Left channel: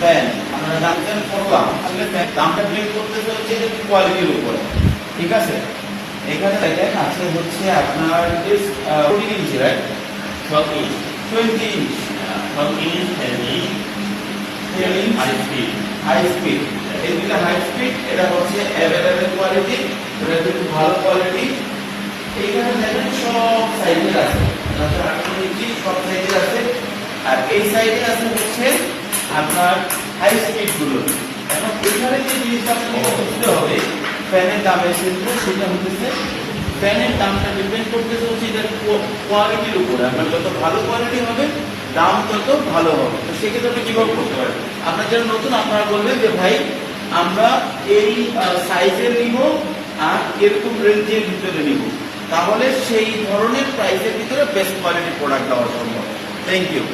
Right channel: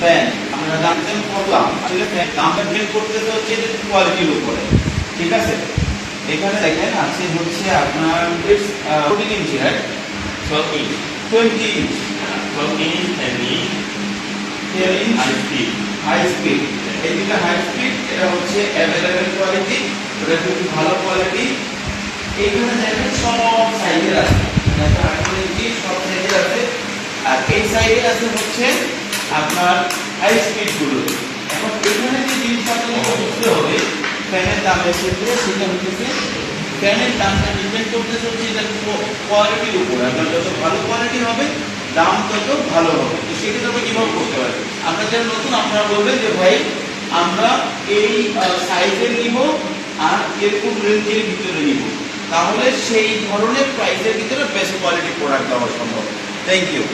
Fan আমরা জানতেন কত দাম, আসলে ফ্যান দামটা বের করতেছে হচ্ছে এটা কোয়ালিটির উপরে, ঠিক আছে। এখানে দেখেন আছে হচ্ছে আপনার 14 inch, right? 12 inch, 20 inch, 12 inch, 10 inch, 10 inch high speed. High speed. এই দুটো হাই স্পিড, এটা হচ্ছে অ্যাভেলেবেল কোয়ালিটি, এটা একটু ভালো কোয়ালিটি। এইখানে দেখেন সব সাইজের আছে, সব সাইজের আছে। আর এই সাইডে আছে হচ্ছে আপনার হাই স্পিড গুলো। এখন এখানে যে জিনিসটা আপনাকে বুঝতে হবে ফ্যানের দামের ক্ষেত্রে, সেটা হচ্ছে ফ্যানের দামটা ডিপেন্ড করতেছে হচ্ছে যে কোয়ালিটির উপরে। আপনার যত ভালো কোয়ালিটি হবে দাম তত ভালো হবে। তো সেক্ষেত্রে আপনি কিভাবে করতে পারবেন? আপনার যারা নতুন আপনারা বলবেন যে ভাই আমরা এই সাইজের নিব আর এরকম রেঞ্জের ভিতরে নিব, তাহলে সেই ধরনের প্রাইসের ভিতরে বেস্ট কোয়ালিটি প্রোডাক্ট দেওয়া সম্ভব। Thank you.